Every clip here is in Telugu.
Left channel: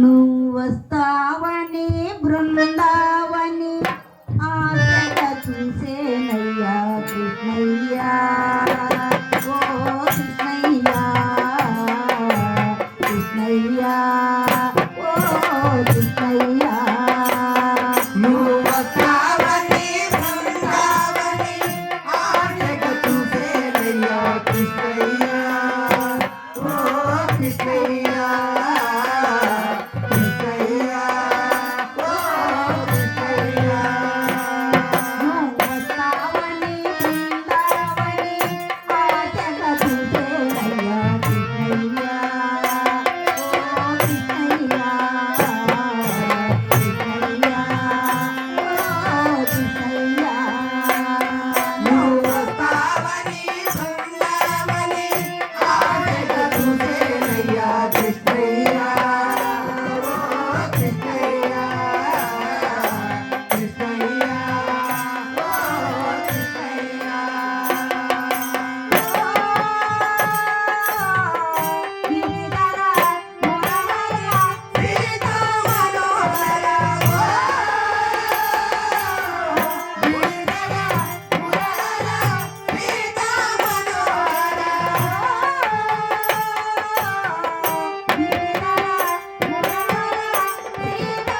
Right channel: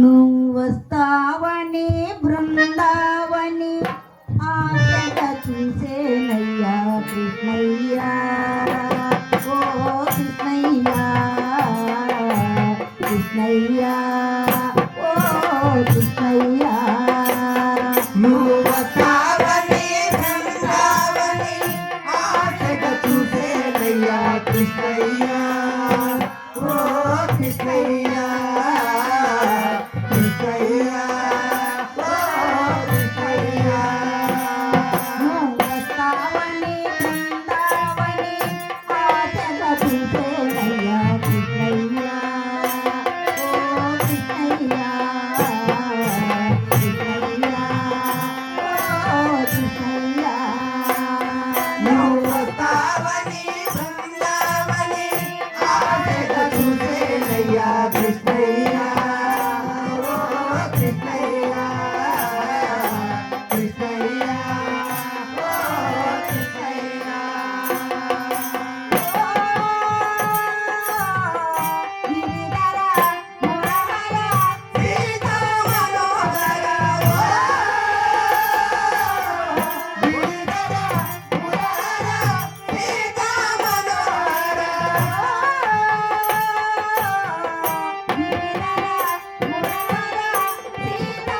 నువ్వు వస్తావని బృందావని ఆశగా చూసేనయ్యా కృష్ణయ్యా, ఓ కృష్ణయ్యా, కృష్ణయ్యా, ఓ కృష్ణయ్యా. నువ్వు వస్తావని బృందావని ఆశగా చూసేనయ్యా కృష్ణయ్యా, ఓ కృష్ణయ్యా, కృష్ణయ్యా, ఓ కృష్ణయ్యా. నువ్వు వస్తావని బృందావని ఆశగా చూసేనయ్యా కృష్ణయ్యా, ఓ కృష్ణయ్యా, కృష్ణయ్యా, ఓ కృష్ణయ్యా. నువ్వు వస్తావని బృందావని ఆశగా చూసేనయ్యా కృష్ణయ్యా, ఓ కృష్ణయ్యా, కృష్ణయ్యా, ఓ కృష్ణయ్యా. సీతా మనోహర ఓ గిరిధర మురహర సీతా మనోహర గిరిధర మురహర సీతా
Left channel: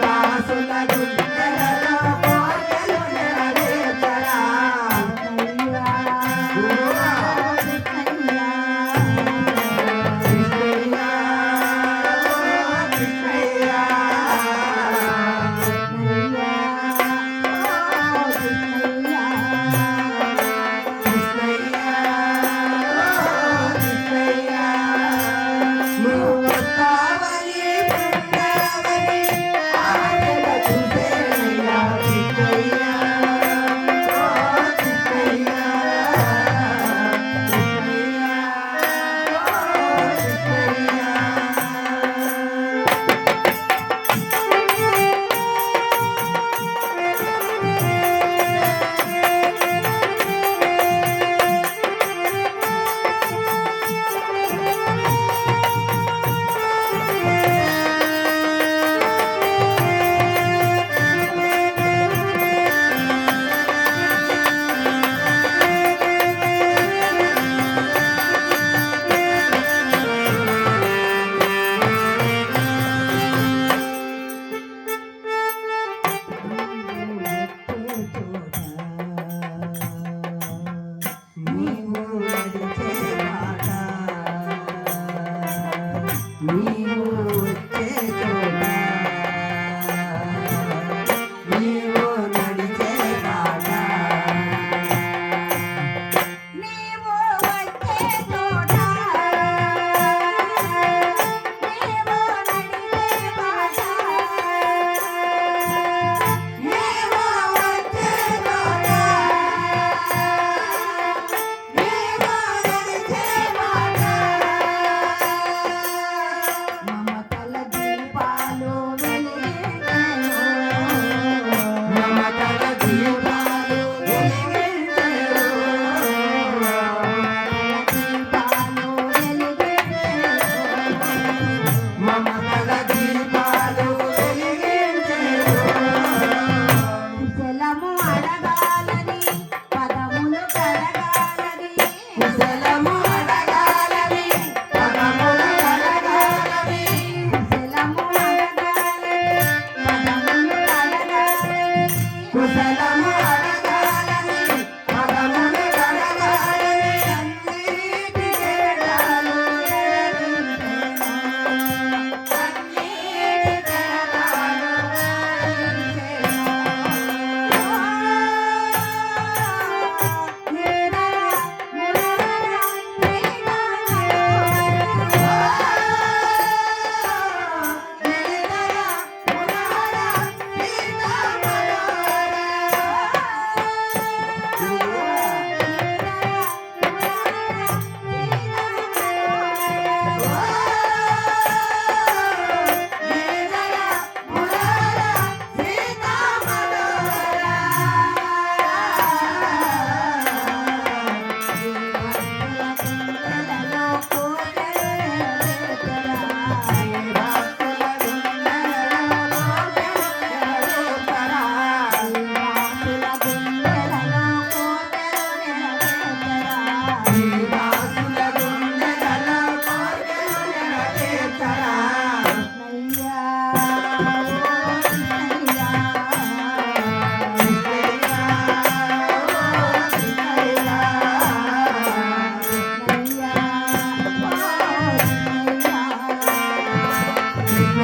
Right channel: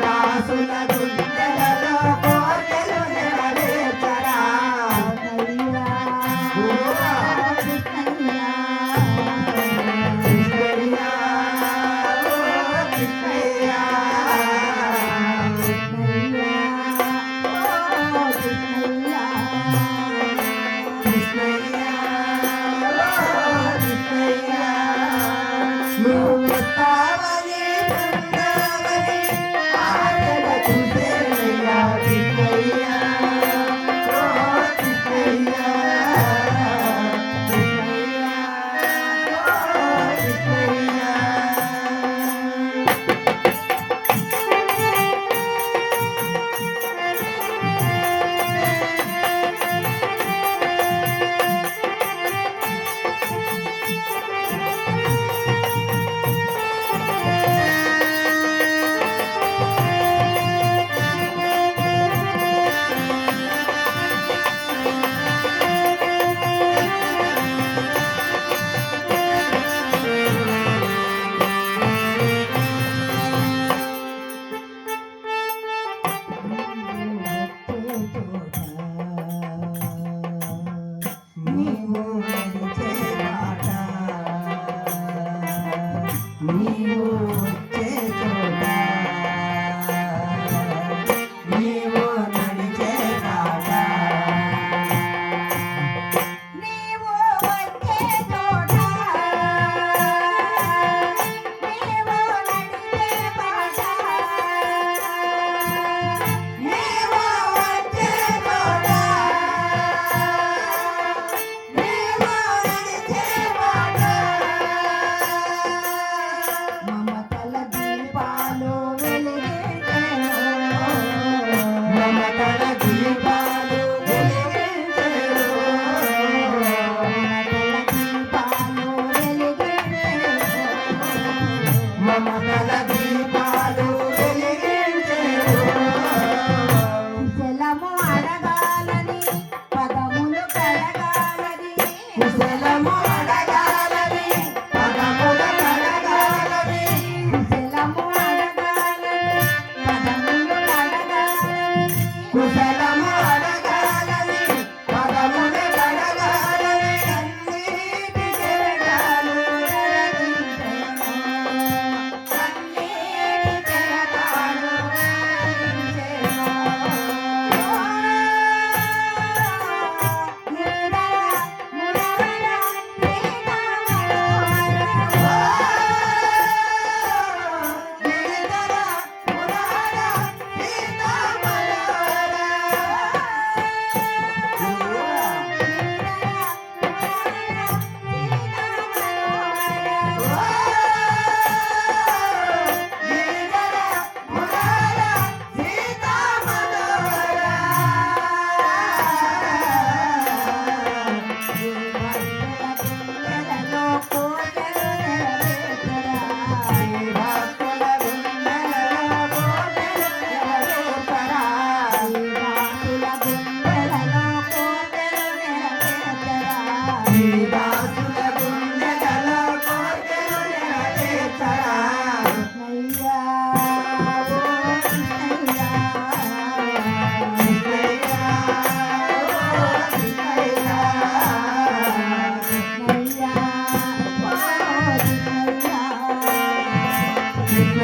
దాసుల గుండెలలో కోటలు నెరవేర్చరా. కృష్ణయ్యా, ఓ కృష్ణయ్యా, కృష్ణయ్యా, ఓ కృష్ణయ్యా. నువ్వు వస్తావని బృందావని ఆశగా చూసేనయ్యా కృష్ణయ్యా, ఓ కృష్ణయ్యా, కృష్ణయ్యా, ఓ కృష్ణయ్యా. నీవు నడిచే బాట, నీవు వచ్చే చోట, నీవు నడిచే బాట, నీవు వచ్చే చోట, నీవు నడిచే బాట, నీవు వచ్చే చోట, నీవు నడిచే బాట. మమతల దీపాలు వెలిగించెను, మమతల దీపాలు వెలిగించెను, దీపాలు వెలిగించెను. మమతల దీపాలు వెలిగించెను. కుశలము అడగాలని పదములు కడగాలని, కుశలము అడగాలని పదముల అడగాలని, కుశలము అడగాలని పదములు కడగాలని, కుశలము అడగాలని పదములు అడగాలని. అన్నిటికే చాలు ఎరగించెను. అన్నిటికే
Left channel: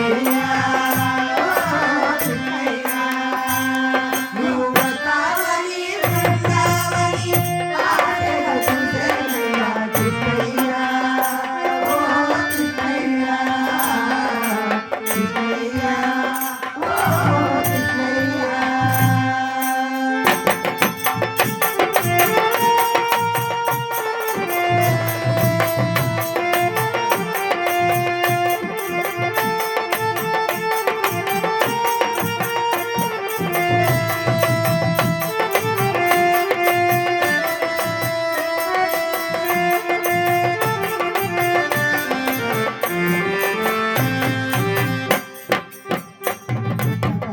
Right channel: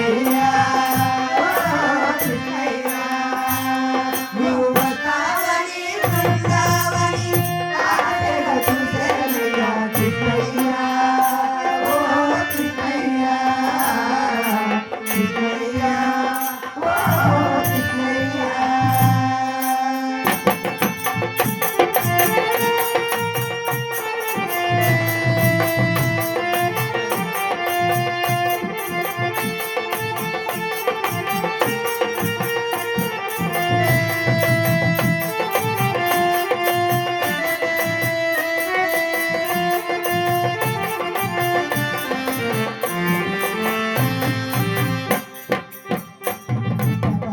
కృష్ణయ్య ఓ కృష్ణయ్య నీవు వస్తావని బృందావని ఆశగా చూసేనయ్యా కృష్ణయ్య ఓ కృష్ణయ్య కృష్ణయ్య ఓ కృష్ణయ్య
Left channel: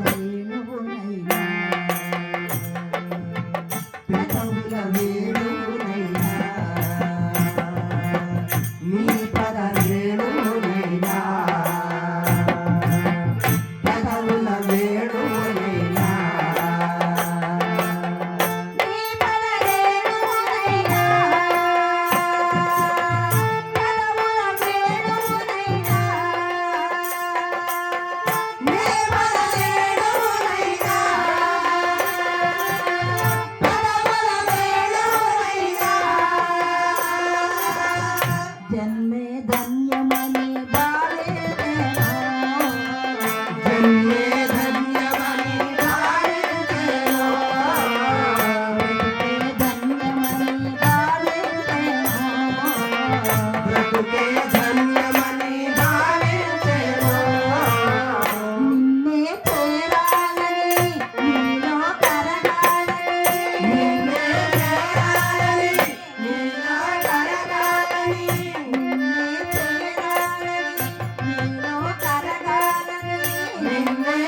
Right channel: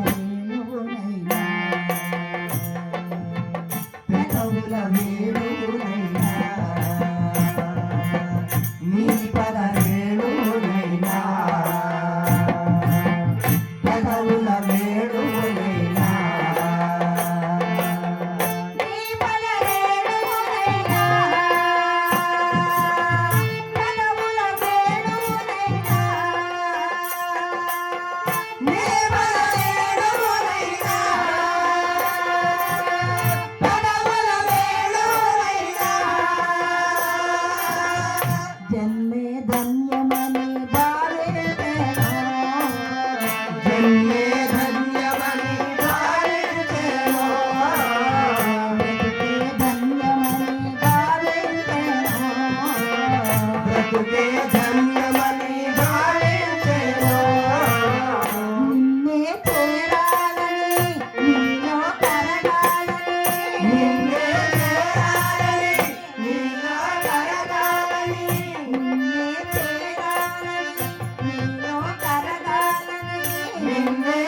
వేణువునైనా పెదవుల వేణువునైనా నీ పద వేణువునైనా పెదవుల వేణువునైనా నీ పదరేణువునైనా పదముల వేణువునైనా నీ పద వేణువునైనా పెదవుల వేణువునైనా జన్మే ధన్యమని భావించేను జన్మే ధన్యమని భావించేను బ్రతుకే ధన్యమని భావించేను బ్రతుకే ధన్యమని భావించేను నిన్నే చేరాలని నీలో కరగాలని నిన్నే చేరాలని నీలో కరగాలని నిన్నే చేరాలని నీలో కరగాలని నిన్నే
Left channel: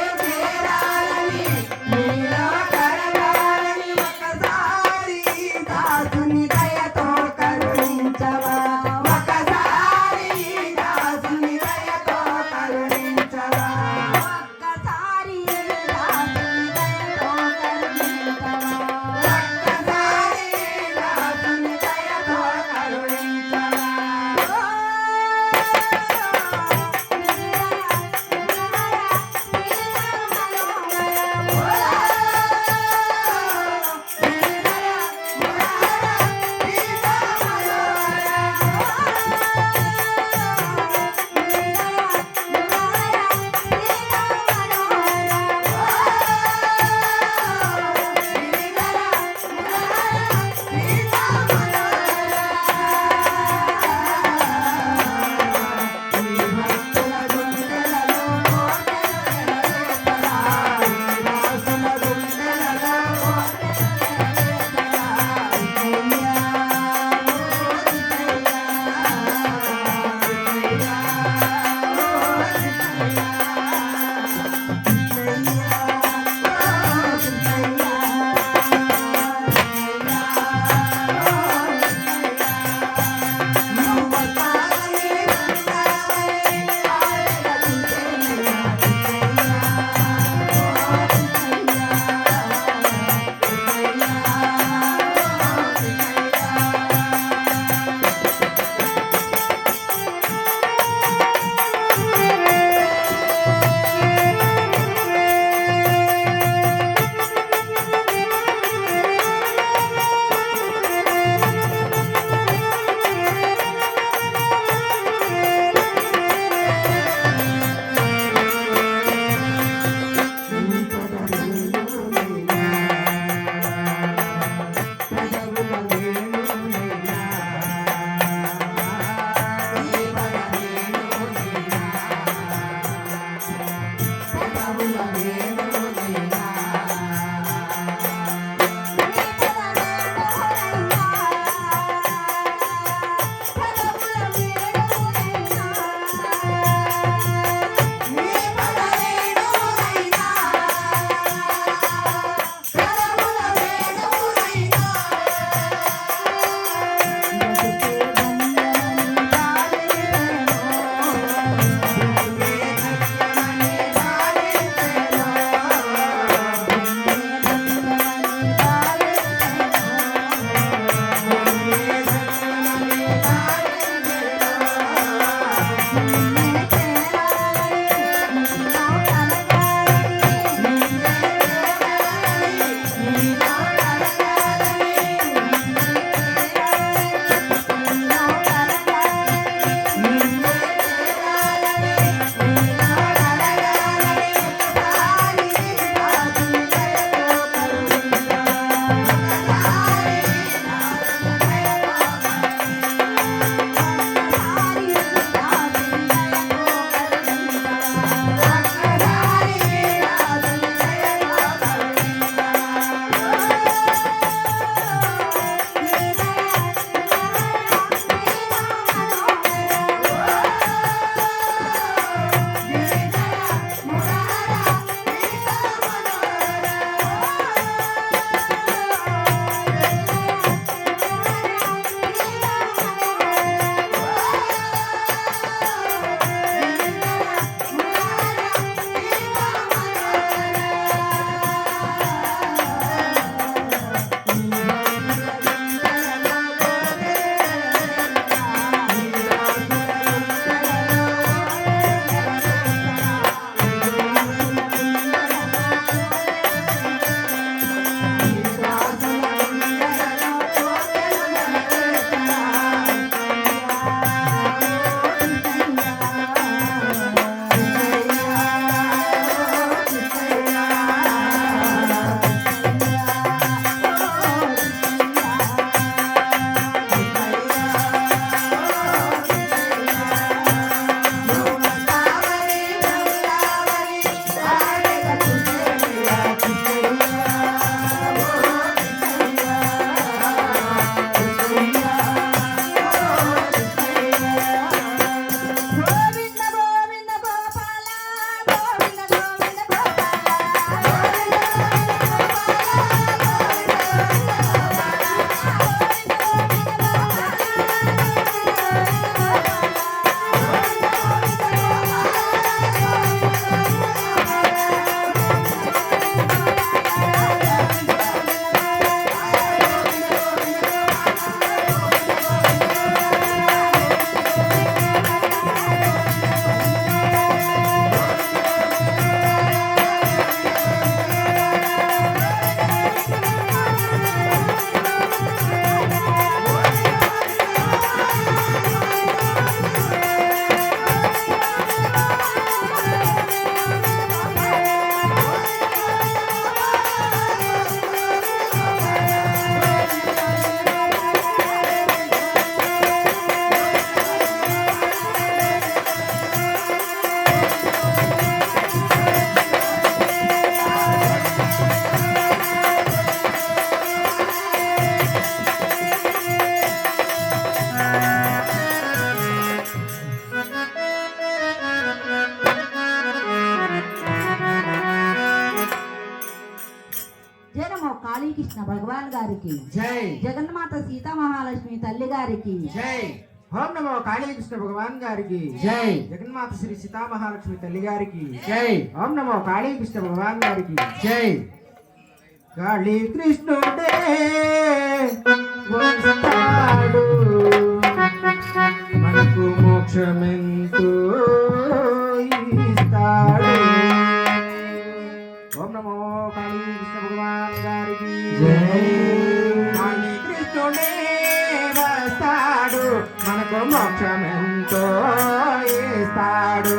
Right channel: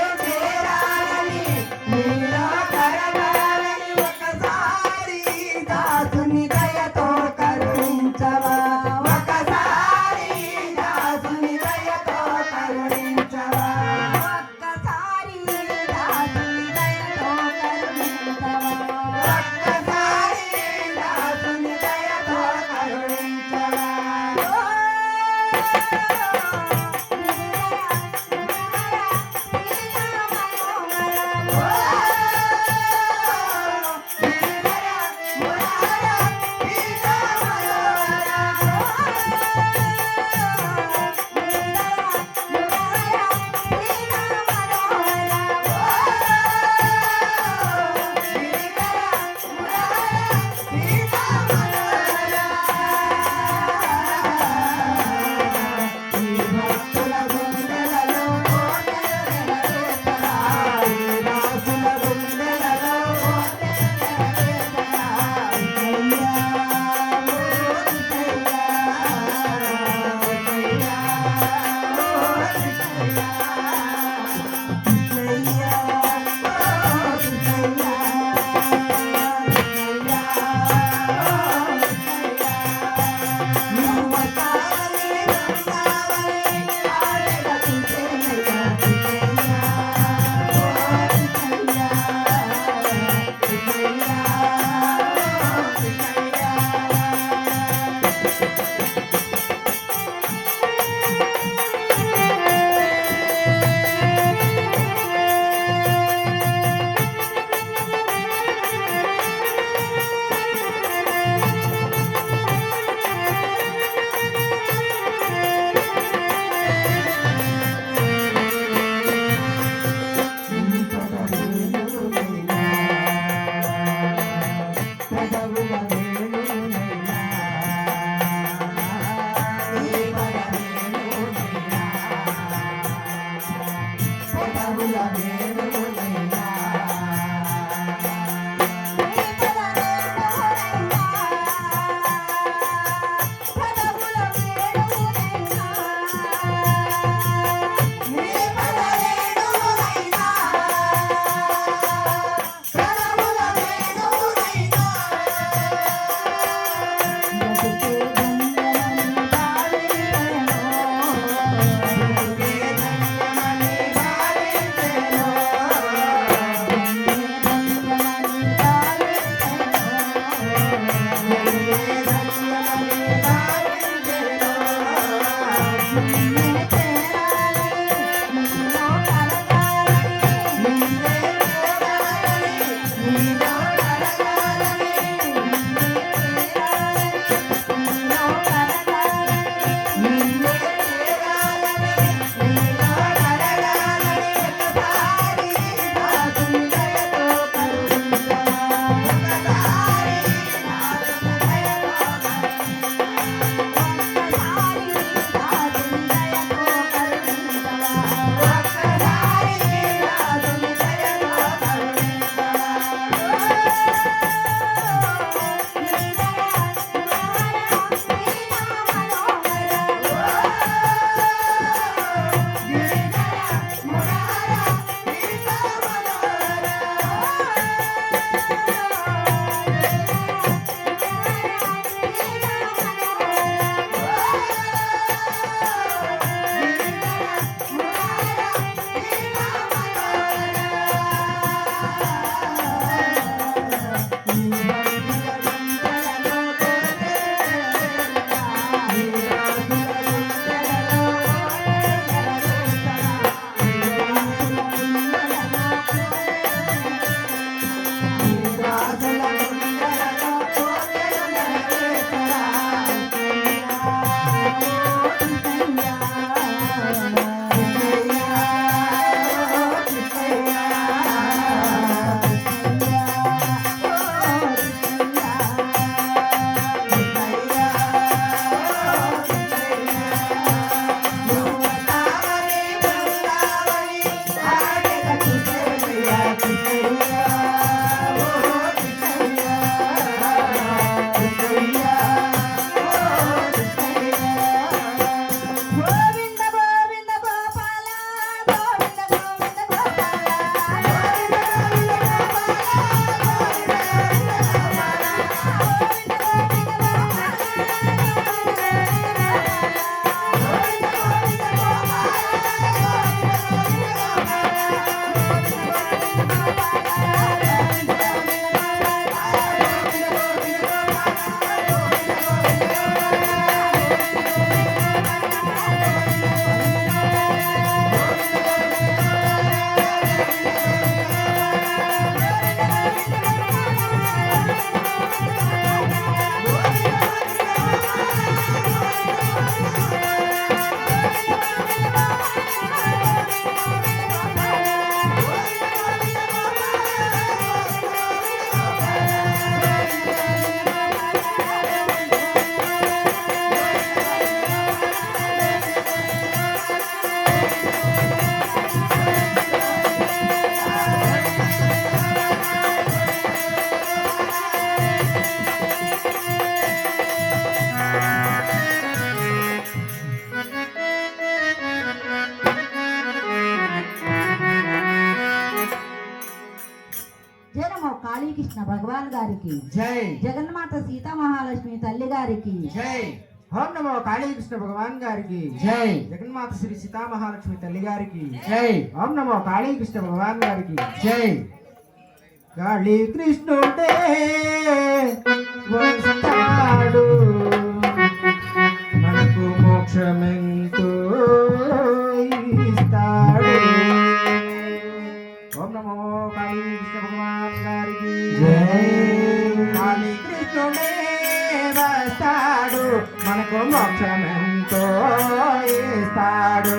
కాళీకృష్ణ భగవాన్ గారికి జై జగన్మాత సీతా మహాలక్ష్మి తల్లి గారికి జై ఓం నమో కాళీకృష్ణ భగవాన్ గారికి జై జగన్మాత శ్రీ సీతామహాలక్ష్మి తల్లి గారికి జై ఓం నమో కాళీకృష్ణ భగవాన్ గారికి జై కాళీకృష్ణుడే వస్తాడు మనకు మోక్షమెంతో ఇస్తాడు. ఓం నమో కాళీకృష్ణ భగవాన్ గారికి జై. కాళీకృష్ణుడే వస్తాడు మనకు మోక్షమెంతో ఇస్తాడు.